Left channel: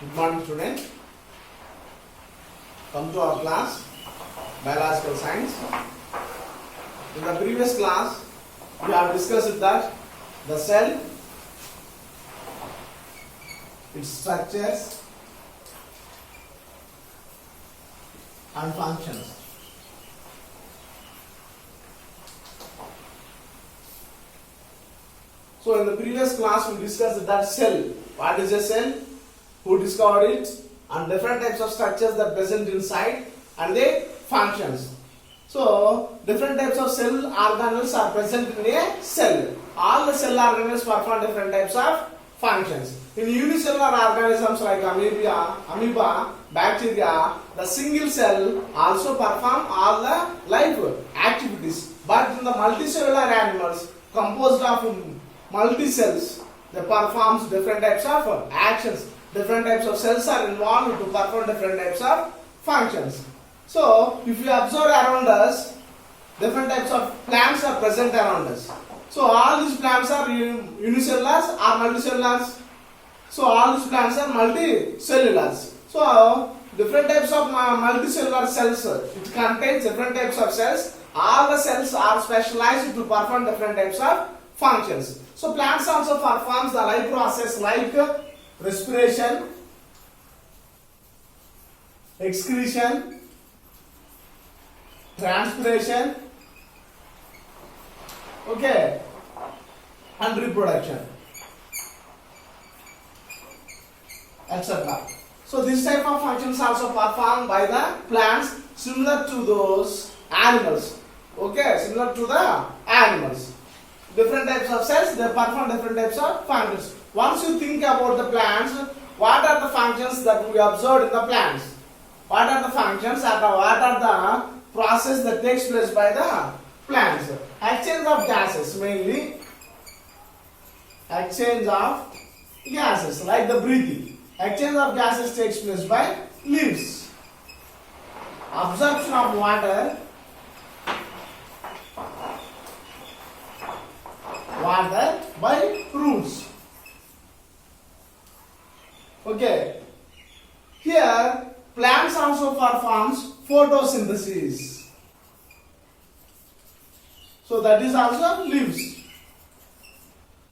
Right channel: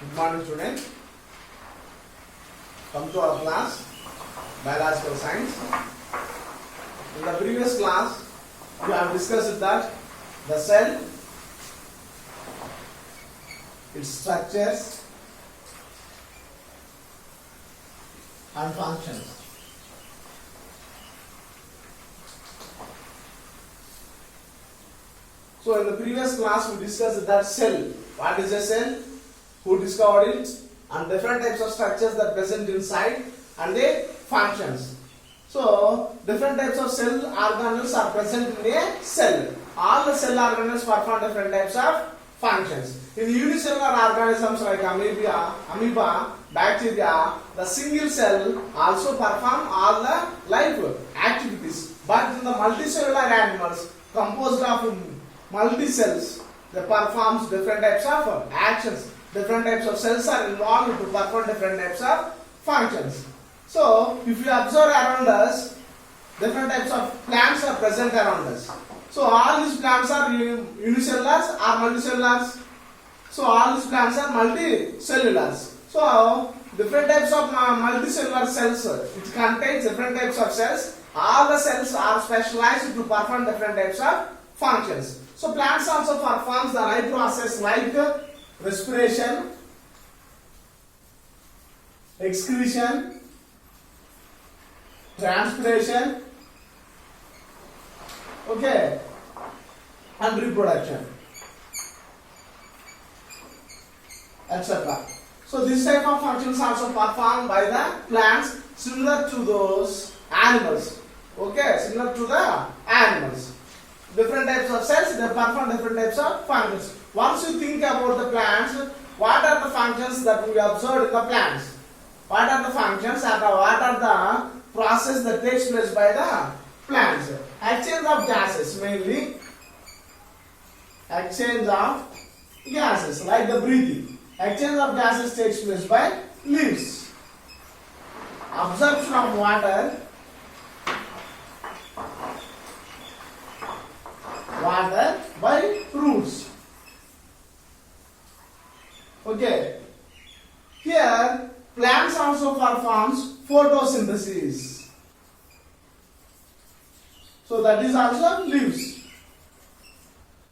Good morning, students. Come to our class, Biological Science. In the previous class, we have discussed that the cell, its structures and functions. So in the previous class, we discussed that cell. What is a cell? Who discovered it? And different types of structures that present inside and their functions. So different types of cell organelles are present in a cell. All the cell organelles perform different types of functions. In unicellular organisms like amoeba, bacteria, the single cell also perform all the life activities. But in the multicellular animals composed of multi-cells, they perform different types of actions. Different types of cells are involved to perform different types of functions. So, if you observe around us, different types of plants are present around us. So, all these plants are unicellular or multicellulars. So, all these plants are multicellulars. So, different types of multicellular cells, it contains different types of cells. All the cells are specialized to perform different types of functions. So, plants also perform the life process like respiration, excretion, transpiration, okay, and reproduction, etc. So this type of functions also performed by the plants similar to those animals. Okay, similar to the animals. Different types of cells, they perform different types of functions. Once you think about the plants, what are the functions that we observed in the plants? What are the functions and what are the process that takes place by the plants? Exchange of gases, mainly exchange of gases, like the breathing. Exchange of gases takes place by leaves. Absorption of water by roots. Okay. Here, plants also performs photosynthesis. So that is also leaves.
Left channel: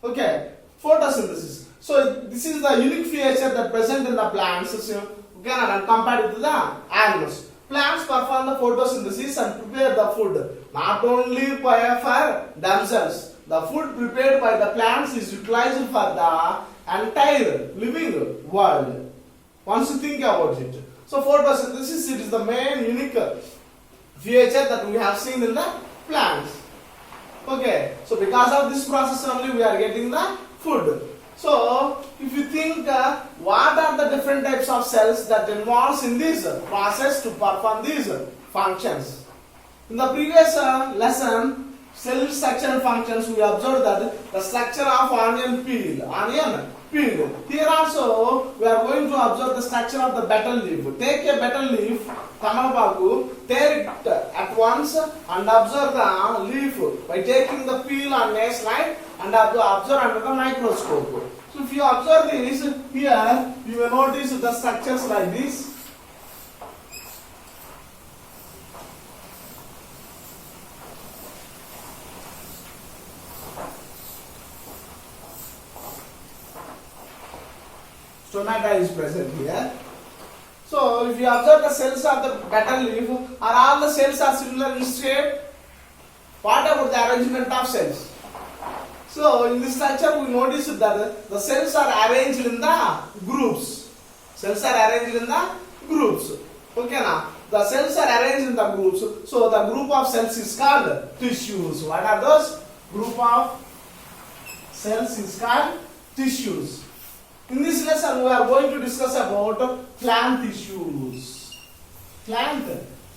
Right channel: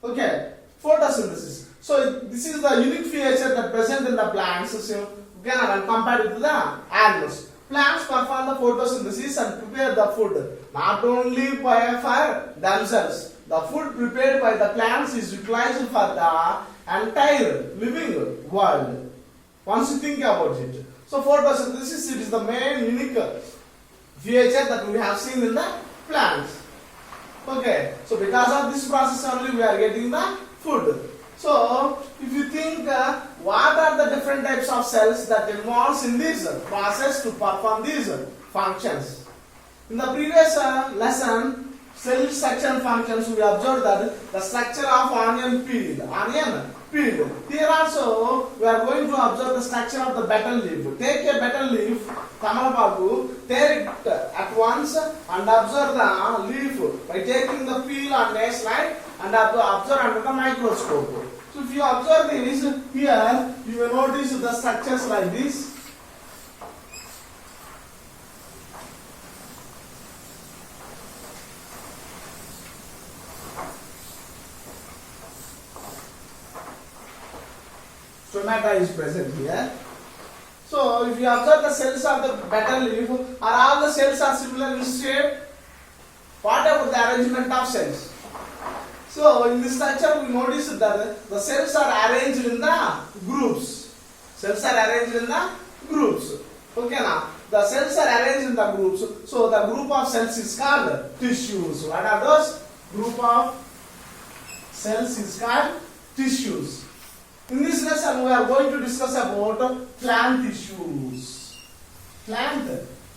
Okay. Photosynthesis. So this is the unique feature that present in the plants. So you can compare it to the animals. Plants perform the photosynthesis and prepare the food. Not only for themselves. The food prepared by the plants is utilized for the entire living world. Once you think about it. So photosynthesis, it is the main unique feature that we have seen in the plants. Okay. So because of this process only we are getting the food. So if you think what are the different types of cells that involves in this process to perform these functions. In the previous lesson, cell structure and functions, we observed that the structure of onion peel. Here also we are going to observe the structure of the betel leaf. Take a betel leaf, Kamababu, tear it at once and observe the leaf by taking the peel on a slide and observe under the microscope. So if you observe this, here you will notice the structures like this. Stomata is present here. So if you observe the cells of the betel leaf, are all the cells are similar in shape? What about the arrangement of cells? So in this structure we notice that the cells are arranged in the groups. Cells are arranged in the groups. Okay now. The cells are arranged in the groups. So the group of cells is called tissues. What are those? Group of cells is called tissues. In this lesson, we are going to discuss about plant tissues. Plant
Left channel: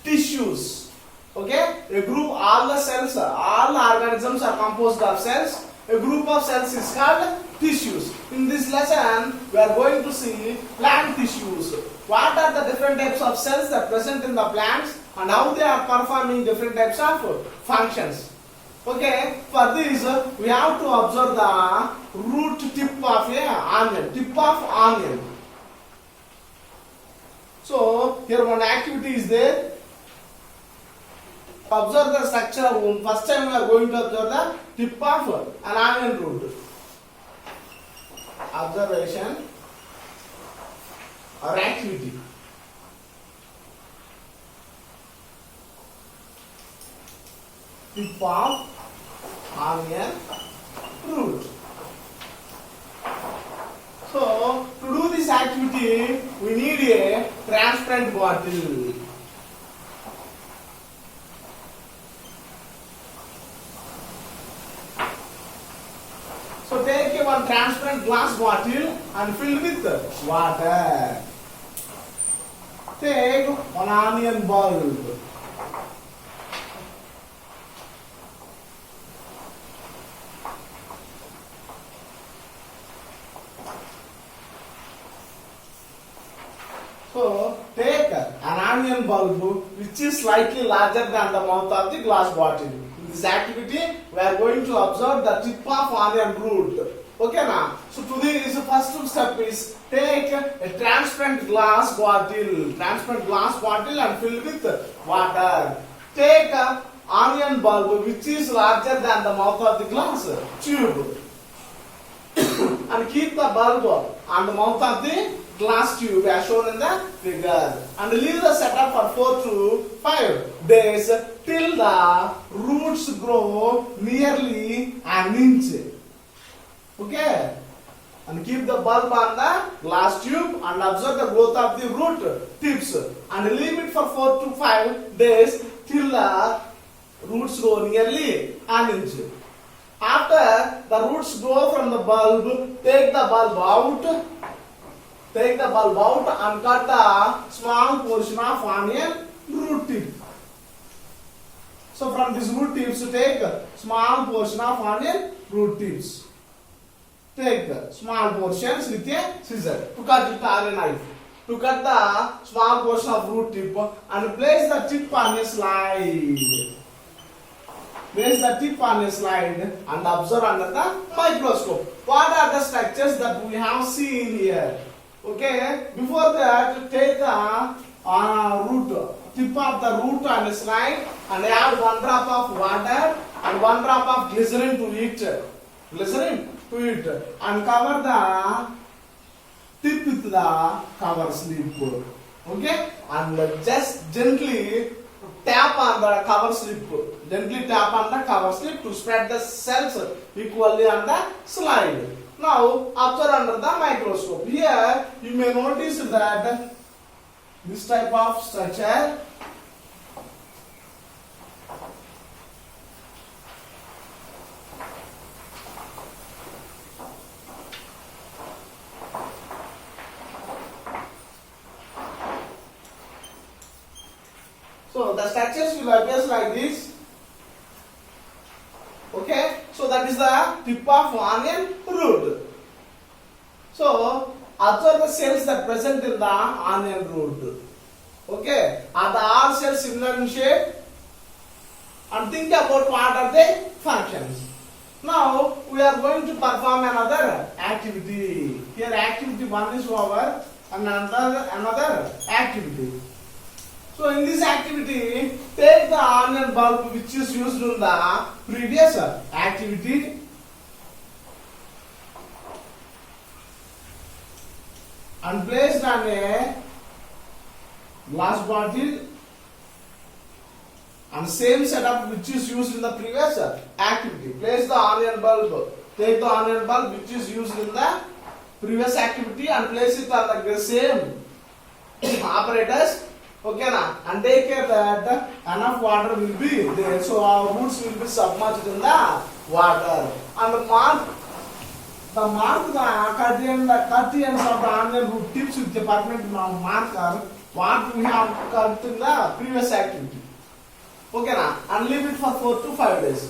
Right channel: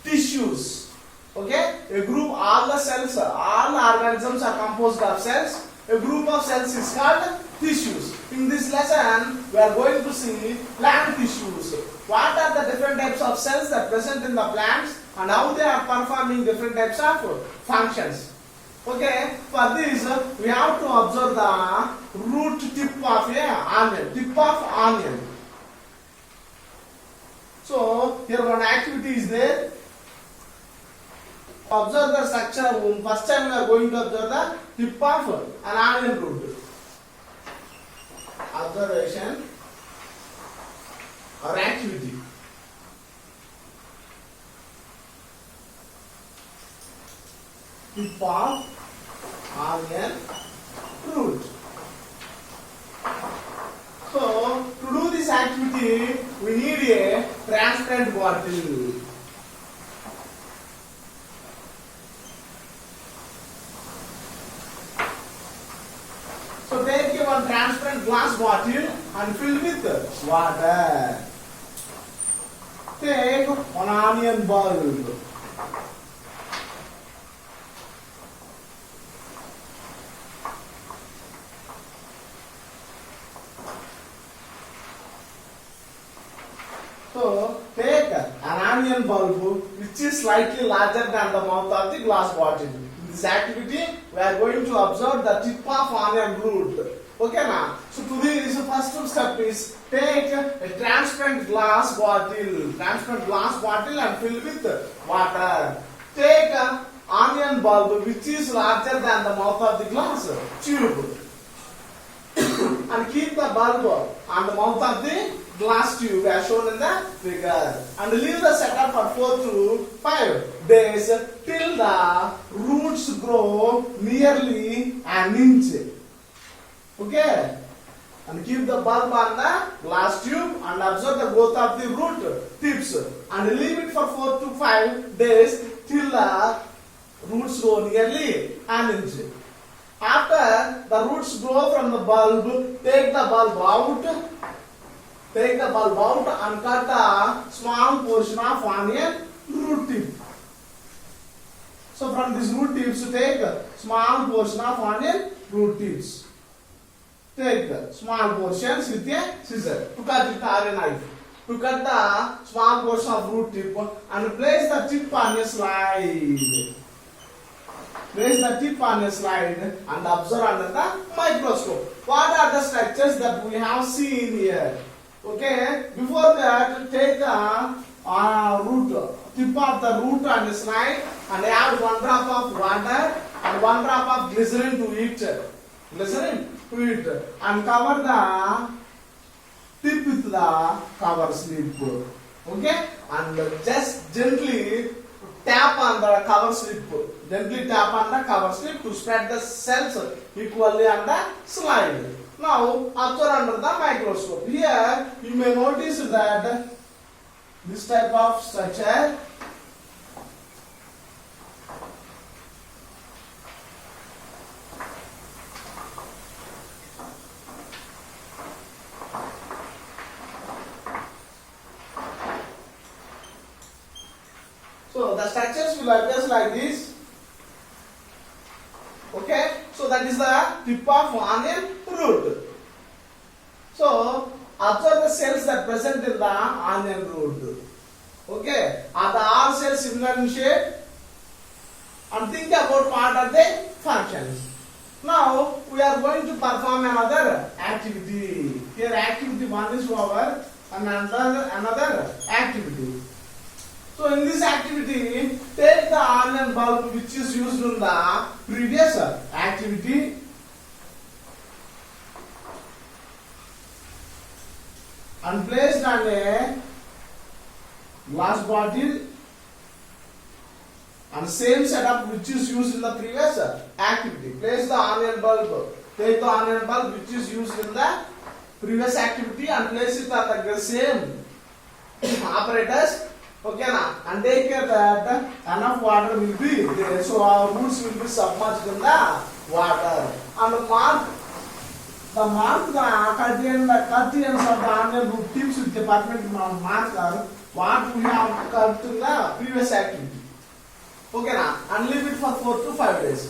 tissues. Okay? A group, all the cells, all the organisms are composed of cells. A group of cells is called tissues. In this lesson, we are going to see plant tissues. What are the different types of cells that are present in the plants and how they are performing different types of functions. Okay, for this we have to observe the root tip of a onion, tip of onion. here one activity is there. Observe the structure. First time we are going to observe the tip of an onion root. Observation or activity. Tip of onion root. So, to do this activity, we need a transparent bottle. So, take one transparent glass bottle and fill with water. Take one onion bulb. So, take an onion bulb which is slightly larger than the mouth of the glass bottle. In this activity, we are going to observe the tip of onion root. Okay, now. So, to this first step is take a transparent glass bottle and fill with water. Take an onion bulb which is larger than the mouth of the glass tube and keep the bulb on the mouth of the glass tube as shown in the figure, and leave the setup for 4 to 5 days till the roots grow nearly an inch. Okay, and keep the bulb on the glass tube and observe the growth of the root tips and leave it for 4 to 5 days till the roots grow nearly an inch. After the roots grow from the bulb, take the bulb out. Take the bulb out and cut a small portion of onion root tip. So from this root tips, take a small portion of onion root tips. Take small portions with a scissor to cut it or a knife. To cut the small portion of root tip and place the tip on a slide. Place the tip on a slide and observe under the microscope. What are the structures that we have seen here? Okay, before that, take the tip of the root on a slide and add 1 drop of water and 1 drop of glycerin to it. And cover the tip with the cover slip. Okay, and just gently tap on the cover slip. Gently tap on the cover slip to spread the cells equally on the slide. Now, observe under the microscope. Here, you may notice that this type of structure so the structures will appear like this. Okay, so that is the tip of onion root. So, observe the cells that present in the onion root. Okay, are the all cells similar in shape? And think about what are the functions. Now, we are going to perform another activity. Here, activity 1 is over and another activity. So in this activity, take the onion bulb which is used in the previous activity and placed on a glass bottle and same setup which is used in the previous activity. Place the onion bulb. Take the onion bulb which is used in the previous activity and place it on the same apparatus. Okay, na? And take care that enough water will be there, so our roots will be submerged in the water. And mark the cut ends of the onion root tips with the permanent marker what we have cut in the previous activity. Okay, na? And leave it for 4 to 5 days.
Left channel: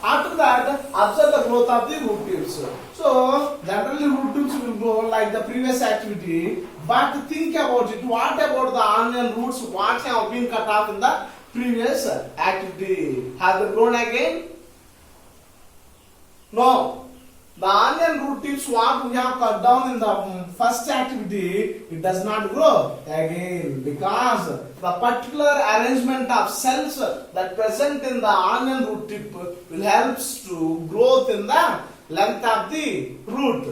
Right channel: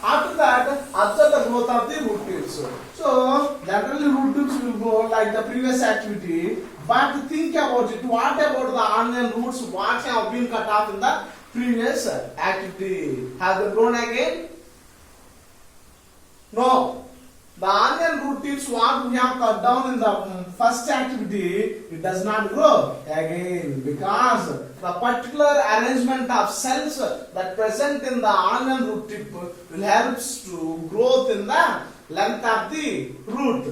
After that, observe the growth of the root tips. So, generally root tips will grow like the previous activity, but think about it. What about the onion roots? What have been cut off in the previous activity? Have they grown again? No. The onion root tips what we have cut down in the first activity, it does not grow again because the particular arrangement of cells that present in the onion root tip will helps to growth in the length of the root.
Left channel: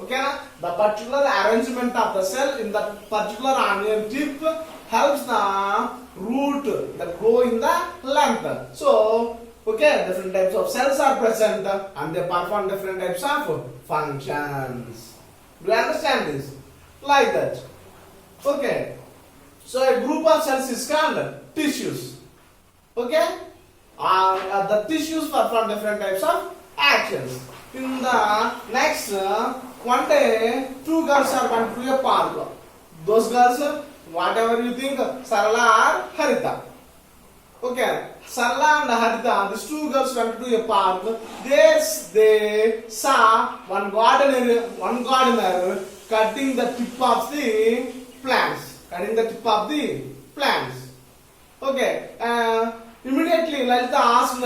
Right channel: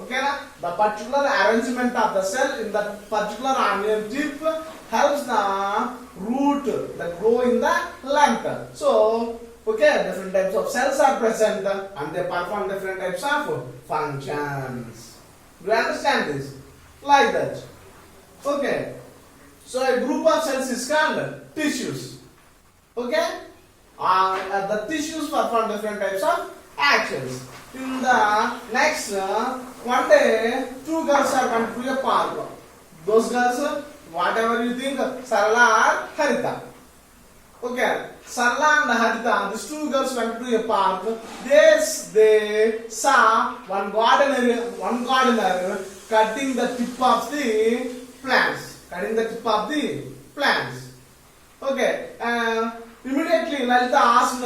Okay, na? The particular arrangement of the cell in that particular onion tip helps the root that grow in the length. So, okay, different types of cells are present and they perform different types of functions. Do you understand this? Like that. Okay. So a group of cells is called tissues. Okay? The tissues perform different types of actions. In the next, one day, two girls are going to a park. Those girls, whatever you think, Sarala or Harita. Okay, Sarla and Harita, these two girls went to a park. There they saw one gardener cutting the tip of the plants. Okay, immediately Lalita asked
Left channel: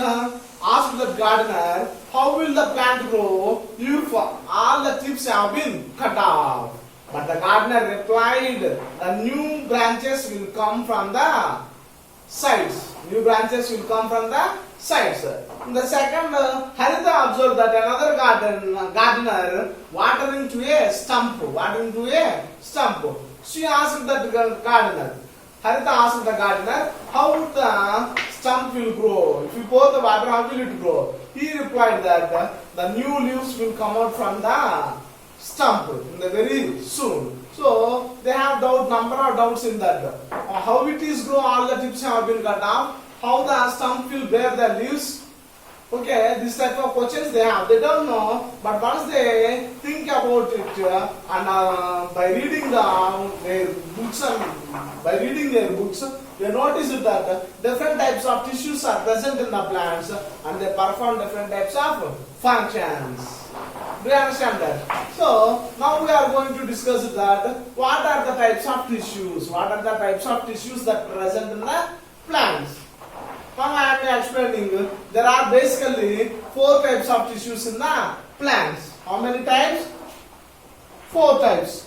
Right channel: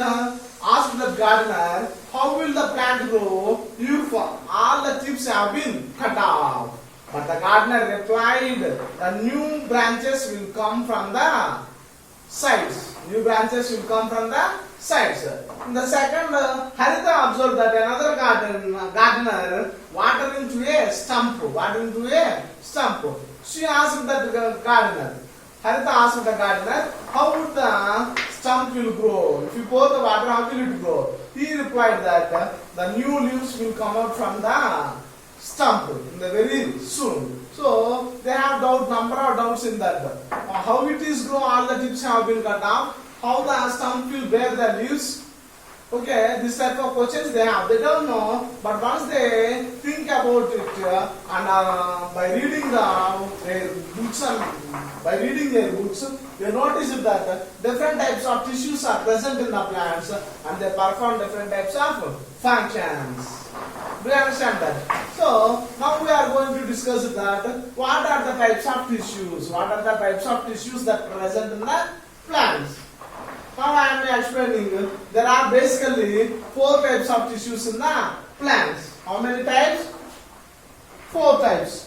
the gardener, how will the plant grow if all the tips have been cut off? But the gardener replied, the new branches will come from the sides. In the second, Harita observed that another gardener watering to a stump. She asked that gardener, Harita asked the gardener, how would the stump will grow? If you pour the water, how will it grow? He replied that the new leaves will come out from the stump in the very soon. So they have number of doubts in that. How it is grow, all the tips have been cut off. How the stump will bear the leaves. Okay, this type of questions they have. They don't know, but once they think about it and by reading their books, they notice that different types of tissues are present in the plants and they perform different types of functions. Do you understand that? So, now we are going to discuss that. What are the types of tissues? What are the types of tissues that are present in the plants? Now I am explaining. There are basically 4 types of tissues in the plants. How many types? 4 types.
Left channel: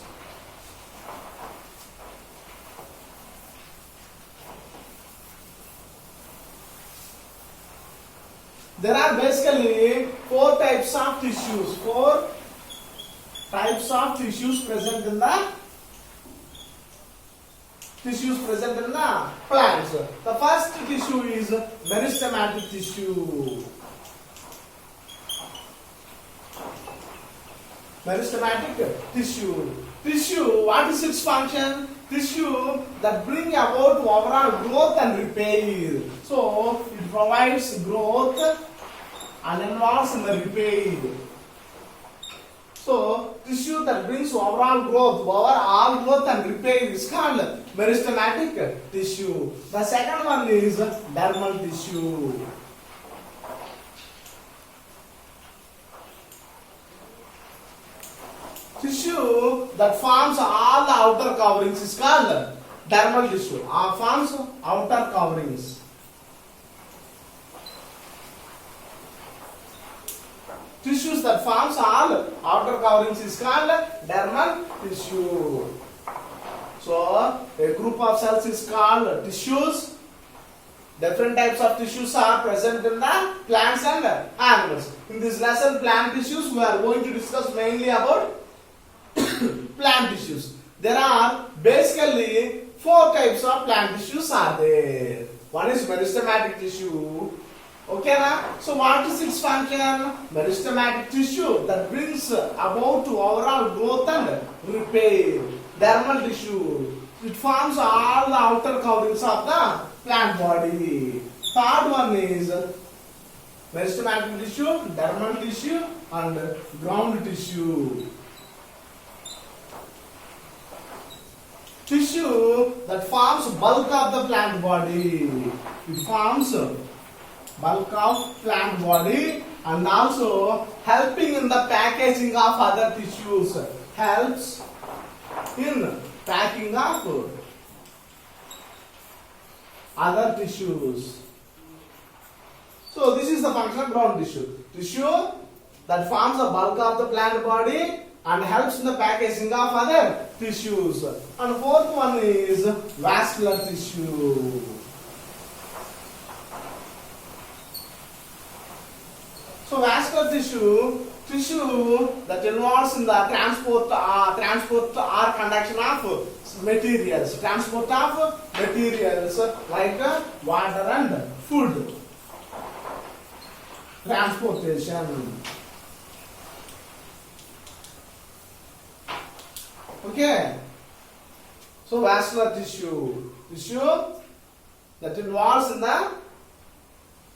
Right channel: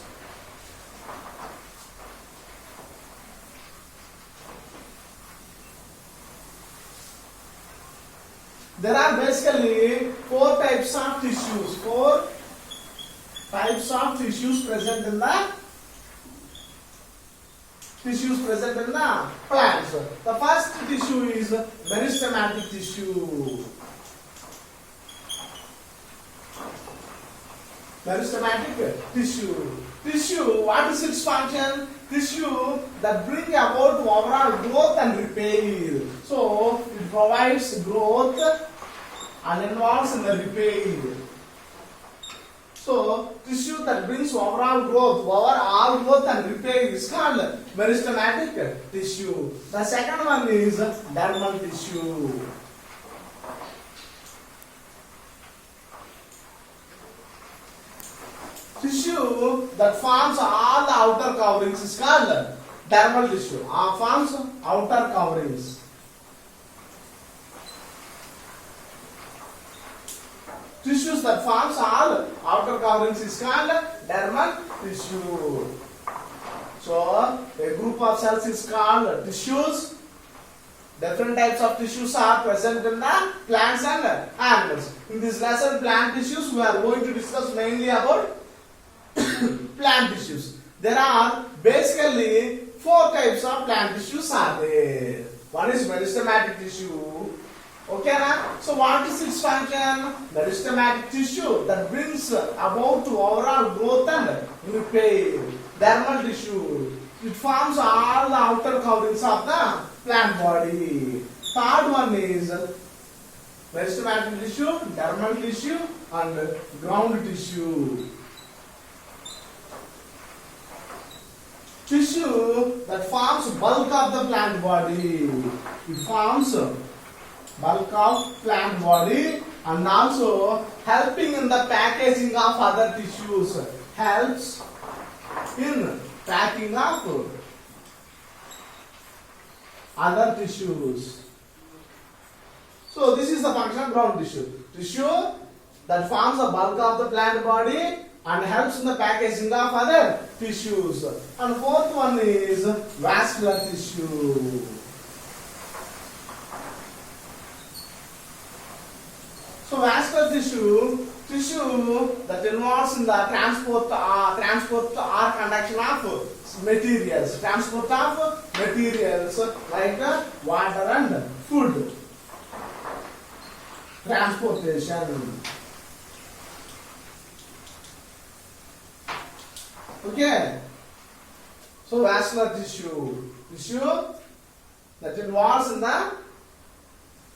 There are basically 4 types of tissues. 4 types of tissues present in the plants. The first tissue is meristematic tissue. Tissue, what is its function? Tissue that bring about overall growth and repair. So it provides growth and involves in the repair. So tissue that brings overall growth and repair is called meristematic tissue. The second one is dermal tissue. Tissue that forms all the outer coverings is called dermal tissue. Forms outer coverings. Tissues that forms all outer coverings is called dermal tissue. So a group of cells is called tissues. Different types of tissues are present in the plants and animals. In this lesson, plant tissues, we are going to discuss mainly about plant tissues. There are basically 4 types of plant tissues are there. One is meristematic tissue. Okay, na? So what is its function? Meristematic tissue that brings about to overall growth and repair. Dermal tissue, it forms all the outer coverings of the plant body. Third one is meristematic tissue, dermal tissue and ground tissue. Tissue that forms bulk of the plant body. It forms bulk of plant body and also helping in the packaging of other tissues. Helps in packing of other tissues. So this is the function of ground tissue. Tissue that forms the bulk of the plant body and helps in the packaging of other tissues. And fourth one is vascular tissue. So vascular tissue that involves in the transport or conduction of materials. Transport of materials like water and food. Transportation. Okay. So vascular tissue that involves in the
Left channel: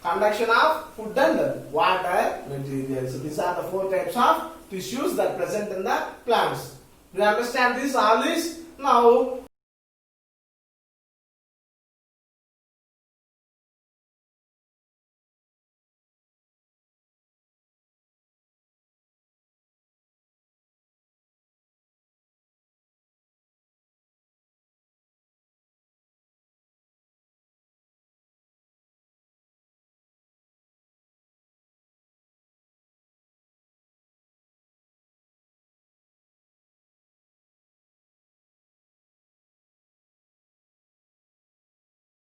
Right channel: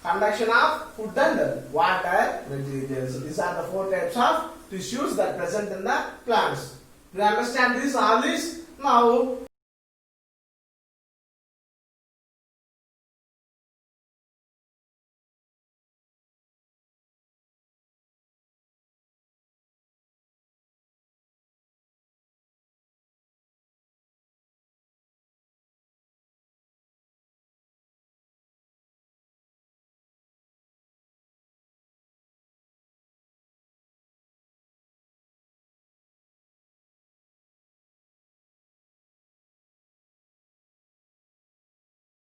conduction of food and water materials. So these are the four types of tissues that present in the plants. Do you understand this? All this? Now